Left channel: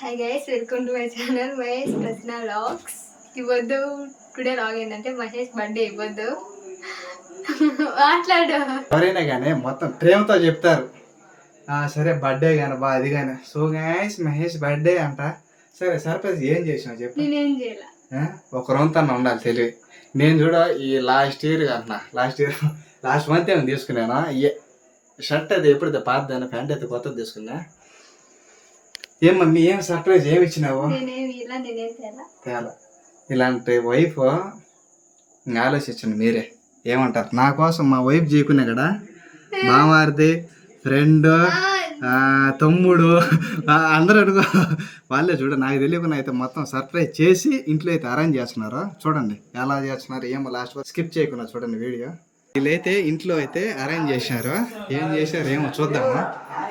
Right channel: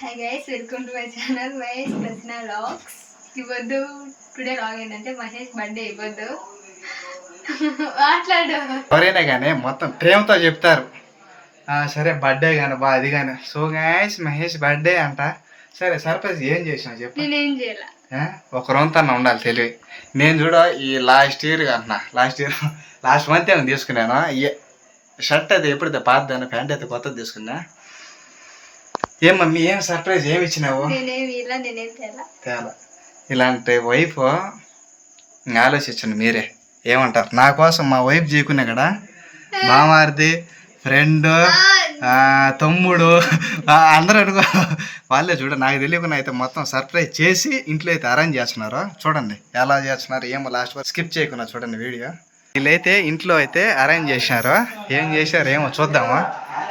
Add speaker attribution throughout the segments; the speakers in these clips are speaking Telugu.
Speaker 1: Hi guys welcome to my channel Mahesh ప్రశ్న లాగ్స్ ఇవ్వద్దు టుడే లాగ్ ఏంటంటే మహేష్ బర్త్డే ఇవ్వద్దు. మాట్లాడు.
Speaker 2: ఎవరైనా కానీ మొత్తం ప్రేమతో చెప్తారు. సరే బర్త్డే కానీ బా అది కానీ సో గాయస్ మహేష్ బర్త్డే అంట. సరే సర్ప్రైజ్ ఏం చేసావు చెప్పు.
Speaker 1: నేనేం చేయాల?
Speaker 2: ఒక రొంతన్న ఉండాలి తెలివి. నేను చూడ ఈ లాస్ట్ ఇయర్ అంటున్నా లాస్ట్ ఇయర్ లాస్ట్ మంత్ ఏమో తీసుకున్నాను. షర్ట్ అది ఎప్పుడైతే పాతదాను ప్యాంట్ అయితే కొత్తది తీసుకున్నా. ఏం మమ్మీ ఏం సర్ప్రైజ్ ఏమి ఇచ్చినావు? తేలా. ఇలాంటి వైఫ్ ఆలోచించండి మీరే. ఏమంటారు? నా కోసం మా వైఫ్ చేయకున్నా కదా? మామారిది ఫ్రెండ్ తమ్ముడు అందరూ అనుకో వాళ్ళే చూడ నాకు తెలియకుండా అయితే మొత్తం సర్ప్రైజ్ చేసి ఇంట్లో అయితే అరేంజ్ చేస్తున్నారు చూడండి ఎలా చేస్తున్నారు ఏమో లాస్ట్ వరకు స్కిప్ చేయకుండా చూడండి వీడియో వీళ్ళైతే ఇంట్లో అయితే అరేంజ్ చేసినారు ఏం చేశారు ఏమో చూద్దామా?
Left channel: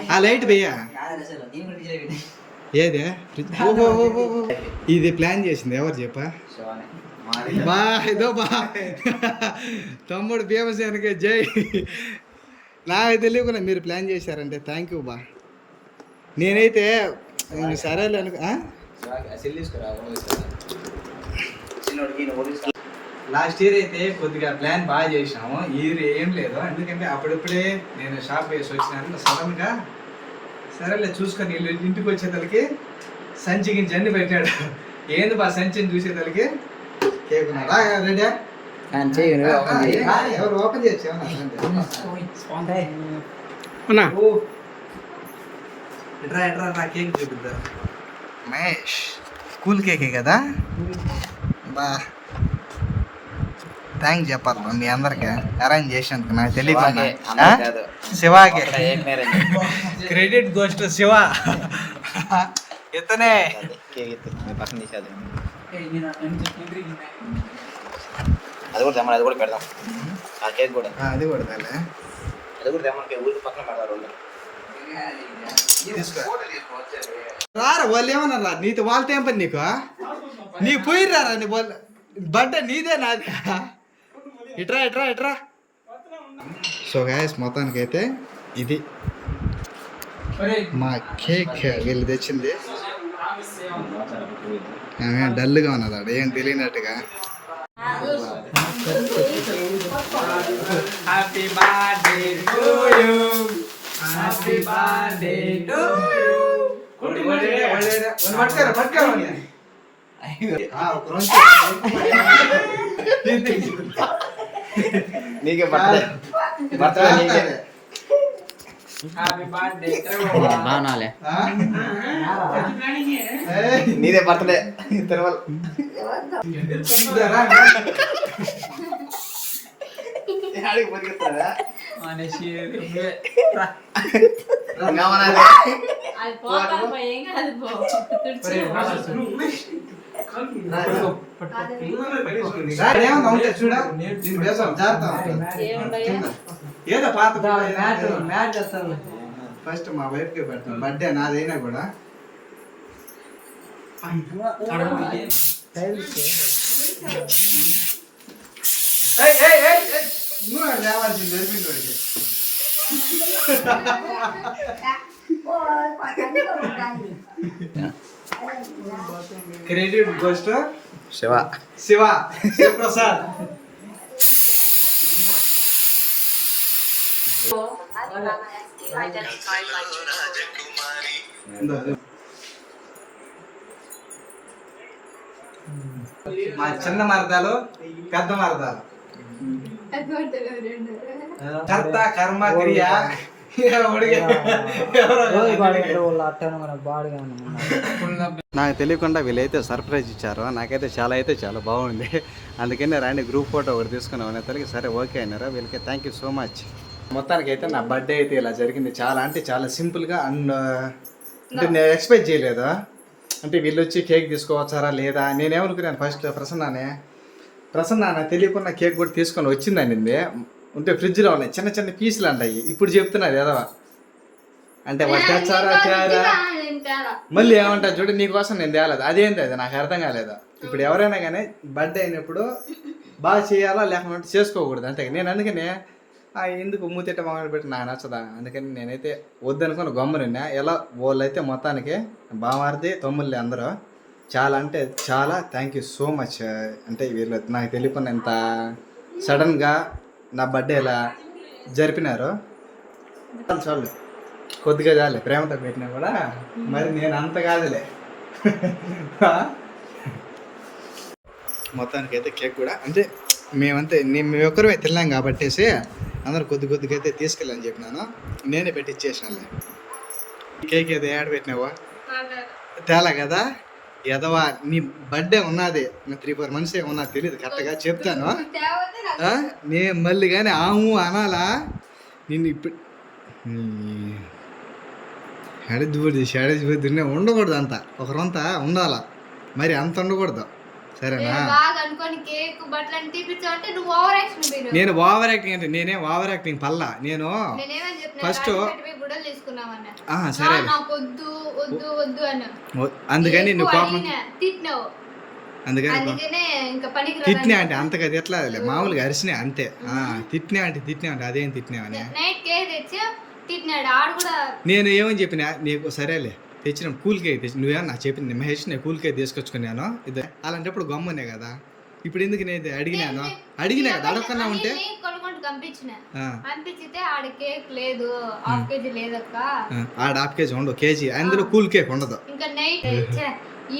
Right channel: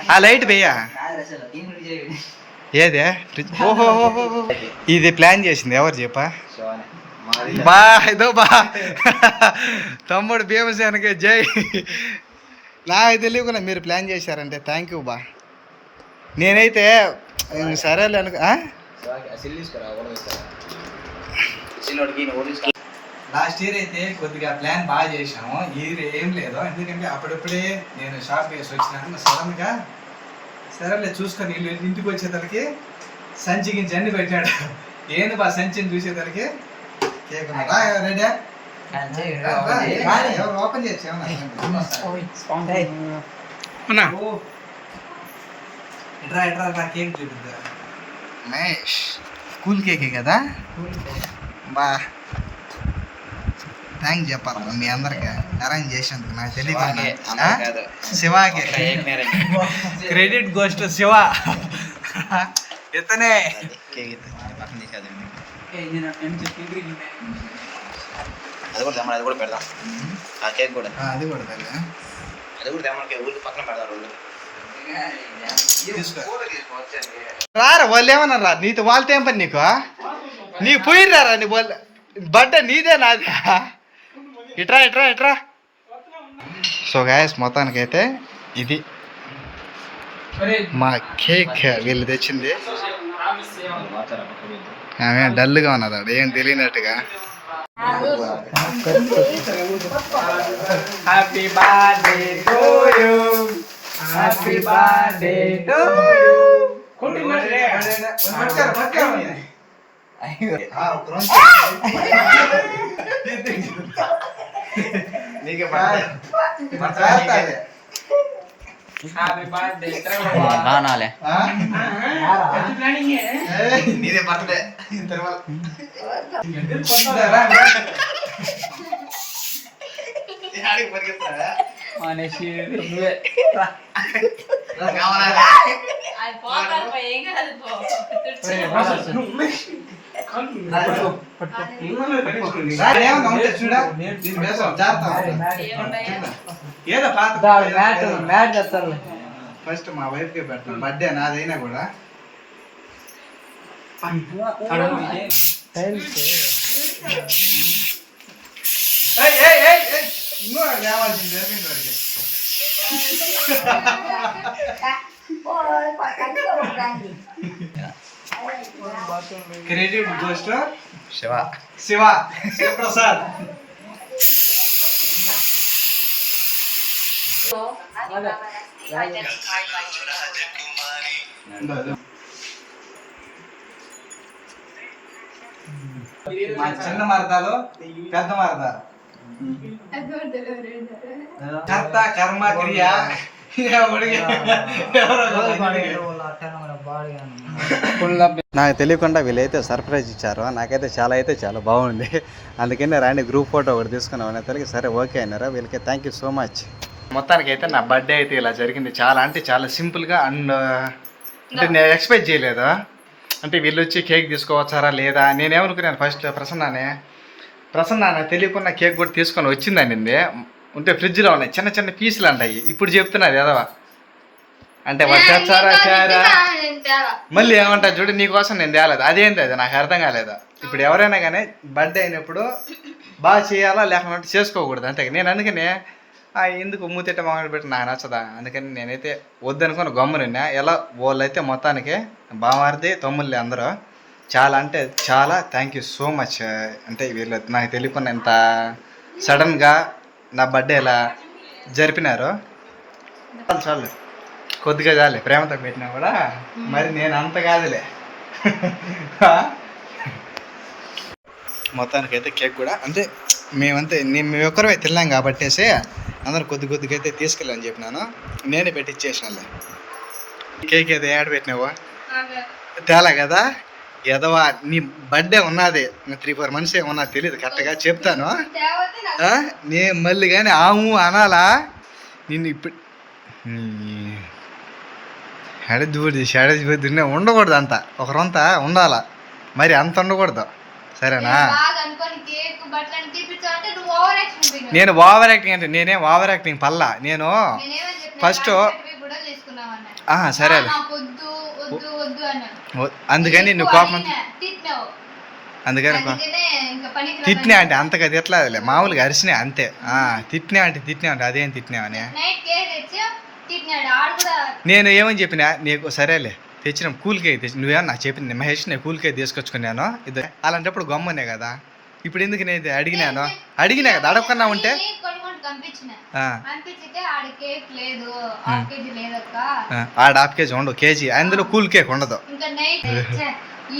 Speaker 2: ఆ లైట్ భయ్యా ఏదే? ఫ్రిడ్జ్ ఓహో ఇది ప్లాన్ చేసింది ఎవరు చెప్పా? బా ఇదో బా. తమ్ముడు భీమసేనకి జై. నాకు తెలియకుండా మీరు ప్లాన్ చేశారంటే థ్యాంక్ యూ బా. నేనైతే ఇంక సరేలే అనుకో లాస్ట్ ఇయర్ అయితే కొద్దిగా ప్లాన్ బాగా చేసాము ఇయర్ ఏం లేదు. ఎందుకంటే అప్పుడప్పుడే నేను షాప్ వేసి వచ్చినాను. సడన్గా సరేలే చూసుకొని వీళ్ళు ఇంటికి వచ్చేతలకి సంచి గించి అన్ని పెట్టాడు. ఏంది బా సంచిని చూసేతలకి? కేక్ ఉన్నారా రెడీ? ఎవరు ఓపెన్ చేయొచ్చు ఎట్రా ఎట్రా నా కేక్ చూపిద్దా? మహేష్ స్కూల్ కేకే కదా? బా. థ్యాంక్ చెప్పాలి మీ అందరికి. అరేంజ్ చేసినందుకు నాకు తెలియకుండా శివాకి క్రెడిట్ గోస్ట్ శివ ఇతనే
Speaker 3: అది కూడా తెమ్మని అది కూడా పెడదాం ఆ కేక్ కూడా
Speaker 2: ఆ, అది కూడా తేలే.
Speaker 3: అది కూడా తెమ్మని ఊరికి పక్కన పెడదాం రెండు
Speaker 2: తీసుకో. రారా వాళ్ళు ఏమన్నా రా నీతో వాళ్ళతో ఏం పని నీకు నీ పోయిర్రారా నీ వాళ్ళు బర్త్డే నీదే నాది ఇట్రా ఇట్రా ఇట్రా సో గాయస్ మొత్తానికైతే ఇది మా కేక్ వీళ్ళు తెచ్చింది. ఆమె డల్గా ఉన్నది ఆడ ఏం తెలియనట్టుగా. Happy birthday to you happy birthday to నీకే
Speaker 3: బాగాలే నీదే బర్త్డే తిరుమల ఆడికి పరిగెత్తారా?
Speaker 2: ఏమన్నా ఉంటే చూడా దీని వేసాం జాగ్రత్త ఏదో పాత ఫస్ట్ మా వైఫ్కి పెట్టాను బర్త్డే నాదైనా కూడా లేవాల్సింది జరిపింది credit goes to
Speaker 3: Shiva
Speaker 2: Shiva Shivaprasad మా చిన్న మరదాలు పెద్ద మరదాలు. కర్త కర్మ క్రియ. నాకు తెలియకుండా వీళ్ళైతే సర్ప్రైజ్ ఇచ్చారు. నాకైతే చాలా అయితే చాలా బాగుంది. అందుకనే రాని గ్రూప్ ఫోటో ఒకటి తీసుకున్నాం. అనేసరికి సరే ఓకే అయినారా వీళ్ళకి థ్యాంక్ యూ సో మచ్ మొత్తానికి అయితే నా బర్త్డే అయితే ఇలా జరిగింది. చాలా అంటే చాలా సింపుల్గా అండ్ uh, అంటే నేను ఎక్స్పెక్ట్ చేయలేదు. అంటే వీళ్ళు వచ్చి కేక్ తీసుకోవచ్చారా లేదా? నేనేమనుకున్నాను ఫస్ట్ ప్రసన్నానే. ప్రసన్న నాకు తెలియకుండా కేక్ కూడా తీసుకొని వచ్చిందండి ఉంటే ఫ్రిడ్జ్లో ఉన్నాయి. చిన్న చిన్న పీసులు అంటాయి ఇప్పుడు చెప్తున్నారు ఏదో అంటే వాళ్ళు మళ్ళీ ఏమంటా చూడు నీకోసం నేను తేలేదు. అదేంటి అది? నాకు అర్థం కాలేదు? ఇప్పుడు ఎవరైనా కానీ బర్త్డే అయినప్పుడు బాగా చేయాలా లేకపోతే చేసుకోకూడదు? అంతే నేను అందుకనే ఎందుకు మూతిట్ట మామిడి పెట్టి నాకు నచ్చదా? అందుకని నేనైతే వద్దనుకుని గమ్మునున్నా ఎలా? వాళ్ళైతే మొత్తానికి బామారిది తమ్ముళ్ళే అందరూ చాలా అంటే చాలా థ్యాంక్ యూ సో మచ్ అంటే వీళ్ళు నాకు తెలియకుండా ఇంత సడన్గా నా బర్త్డే ఇలా జరిపినారు? చాలు చాలు. కొద్దిగా చాలే ప్రేమతో పెట్టినా కూడా. మరి నేను అంత కాదులే. మొత్తానికైతే కేక్ కూడా. అంటే మేమంతే నేను మేము ఒక్కరమే తిన్నాం కాబట్టేసి అందరు కొద్ది కొద్దిగా అయితే తీసుకెళ్ళని చెప్పినాను. నేనే పెట్టి ఇచ్చేసినాలే కేక్ అయితే ఏడ పెట్టినావా? తేలా కదా? ఎదవా నీ బర్త్డే ఉన్నది. త్రీ ఫోర్ మంత్స్ ఏమన్నా తెలియదు కరెక్ట్గా చెప్తాను? నే మళ్ళీ కానీ ఆము అనాలా? నిన్ను ఇప్పుడు ఎడదిబడి ఎడదిబడి ఉండకూడదు అంత ఒకరంతా ఉండాలా? మరి అంత ఉండకూడదు. సరేనా? నేను ఓవర్ యాక్టింగ్ అంటే నేనేం ఓవర్ యాక్టింగ్ పల్లా. నేను ఆ, సరే అందుకని నువ్వు కోపం అందుకని తిట్టినా అంటే అంతగా తిట్టలేదులే మామూలుగా అరిసినా అంతే. తిట్టినా అంటే తిట్టినా అంటే అదేం తిట్టినావని?
Speaker 1: కూడా
Speaker 2: నేను ఏమని చెప్పినా నీకు సరేలే తెచ్చిన కూల్ కేక్ తెచ్చి నువ్వేమన్నా నాకు చెప్పింది మహేష్ నేను కూల్ కేక్ తీసుకొచ్చుకున్నాను? ఇది అలాంటప్పుడు గమ్మునే కదా. ఇప్పుడు ఎందుకు నేను అడిగినాను? అడిగినా కదా అడగకుండా ఉంటే?
Speaker 1: ఆడ హాఫ్ కేజీ
Speaker 2: ఉండవు కేజీ. అందులో కూల్ కేక్ ఉండదు.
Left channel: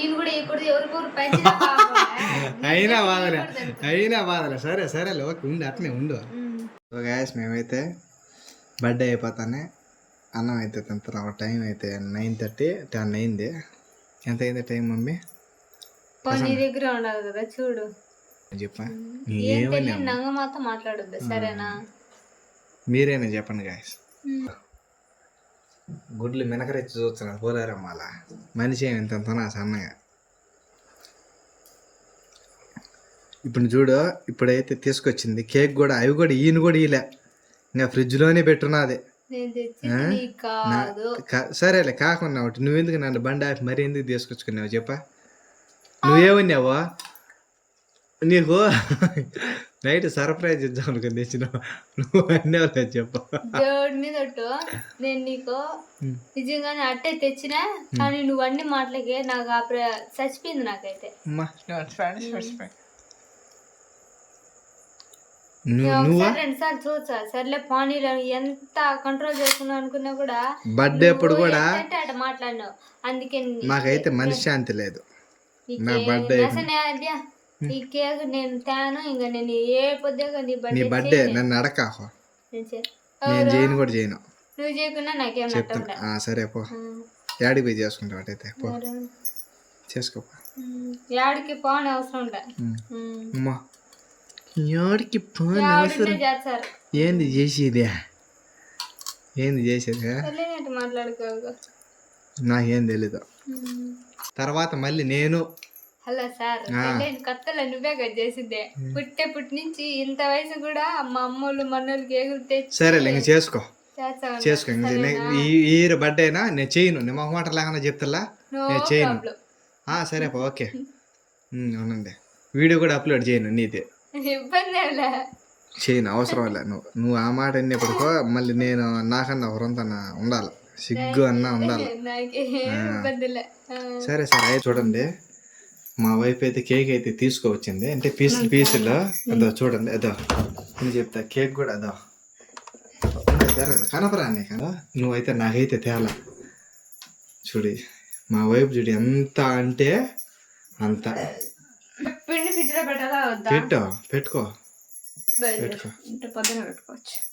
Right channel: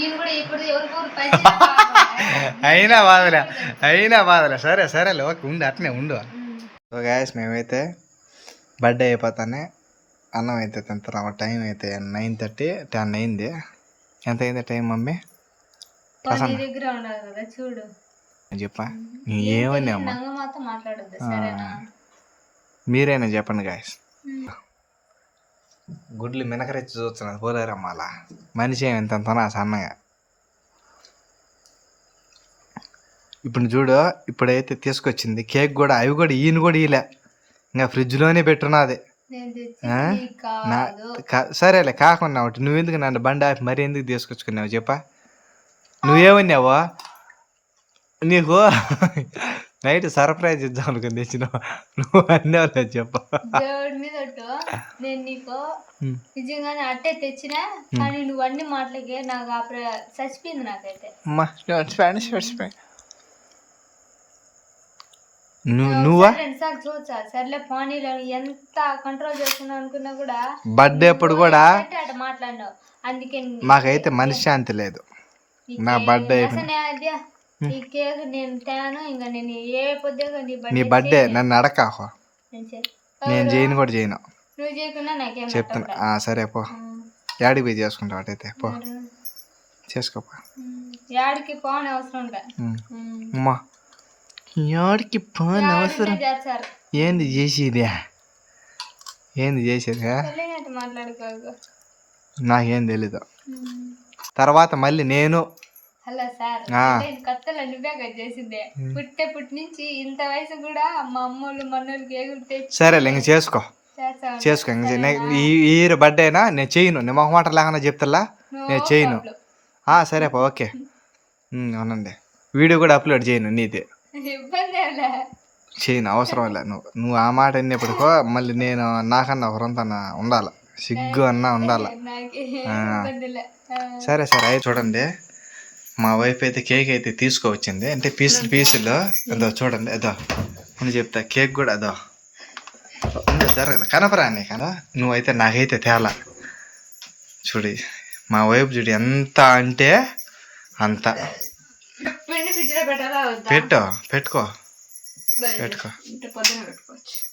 Speaker 2: అయినా బాధలే అయినా బాధలే. సరే సరేలే ఓకే ఉండు అట్నే ఉండు. సో గ్యాస్ మేమైతే బర్త్డే అయిపోతానే అన్నం అయితే తింటున్నాం. టైం అయితే నైన్ థర్టీ టెన్ అయింది. ఎంత అయింది టైం మమ్మీ?
Speaker 1: దగ్గర ఉండదు కదా చూడు.
Speaker 2: చెప్పా? ఏమని
Speaker 1: మాట్లాడొద్దు? సరేనా?
Speaker 2: మీరైనా చెప్పండి గాయస్ గుడ్లు మినకరెచ్చి చూస్తున్నారు. పోలేరమ్మ అలా మనిషి అంతనా సన్నగా? ఇప్పుడు చూడు ఇప్పుడైతే తీసుకొచ్చింది కేక్ కూడా అవి కూడా ఈయన కూడా ఈలే ఇంకా ఫ్రిడ్జ్లోనే పెట్టున్నది సరేలే కాకుండా ఒకటి నువ్వెందుకు నన్ను బండి ఆపి మరి ఎందుకు తీసుకొచ్చుకున్నావు చెప్పా? నువ్వేమన్నావు? నీకు నైట్ సర్ప్రైజ్ ఇద్దాం అనుకుని తెచ్చినావు నువ్వు అన్నావులే చెప్ప.
Speaker 1: దేవుడి మీద ఒట్టు. నేను నీకు నిజంగానే అట్టే తెచ్చినా కానీ నువ్వు అన్ని మాటలకే నాకు ఆ ప్ర- చచ్చిపోయింది నాకైతే.
Speaker 2: అమ్మా. నువ్వు నువ్వా?
Speaker 1: రెండు సార్లు చూసా? సర్లే పానీలో ఎంత కంట్రోల్ చేసుకున్నావు అనుకున్నా కూడా
Speaker 2: బర్త్డే అప్పుడు కూడా
Speaker 1: అట్ట మాట్లాడినావు. అందుకే
Speaker 2: మాకైతే మనశ్శాంతి లేదు. నా
Speaker 1: కేక్ ఈ కేక్ నేను తేను ఇంకా నేను ఏ పొద్దుగా నీ
Speaker 2: నీ
Speaker 1: బర్త్డే
Speaker 2: నన్ను అడకాహో
Speaker 1: నేను
Speaker 2: చేయను కూడా చేయను.
Speaker 1: నువ్వు చేయకున్నా నాకేం
Speaker 2: చెప్తున్నా. సరే పో. యాడికి పోయి చేసుకుంటావు అటైతే పో. చేసుకోపో
Speaker 1: యాడికి పోని అవసరం
Speaker 2: ఉమ్. అమ్మా. యాడికి పని అవసరం ఏంది చేసేది? ఏంది చేసేది?
Speaker 1: మాట్లాడుకోకు.
Speaker 2: నాకేం తెలీదు. తర్వాత మళ్ళీ నేను
Speaker 1: హలో సార్. నేను కొత్తలో నువ్వే చేసిందే. పుట్టే పుట్టి నుంచి ఇంత వయసు కూడా మా అమ్మోళ్ళు మన్నోళ్ళు కేకులు తెచ్చి
Speaker 2: సరేలే ఇంక చేసుకో. చేసుకో ఈ ఇయర్ బర్త్డే అయినా నేను చేయను. నేను మొహమాట లేకుండా చెప్తాలా
Speaker 1: No
Speaker 2: నేను చేయను. సరే పో ఓకే. అవునండి. వీడియో కూడా అప్లోడ్ చేయను నీది.
Speaker 1: ఇబ్బంది
Speaker 2: చేయను అవసరం లే. నువ్వు నువ్వు ఆ మాట అన్నప్పటికో మళ్ళీ నేను నాకన్నా ఒకరంతా ఉండాలి. సిగ్గు అన్నా ఉండాలి. సరే సరే చూడండి. మా వైఫ్ అయితే కేక్ అయితే తీసుకువచ్చింది. అంటే పీసులు పీసులు అదో చూడండి అదో. నేను చెప్తా కేక్ కూడా అదో. జరగదు. కనపరా కదా నువ్వైతే నాకైతే తేలా. చూడి మా వైఫ్ చూడు ఎంత అంటే అంత. పెట్టు పెట్టుకో. పెట్టుకో.
Speaker 1: పెట్టుకోవచ్చు.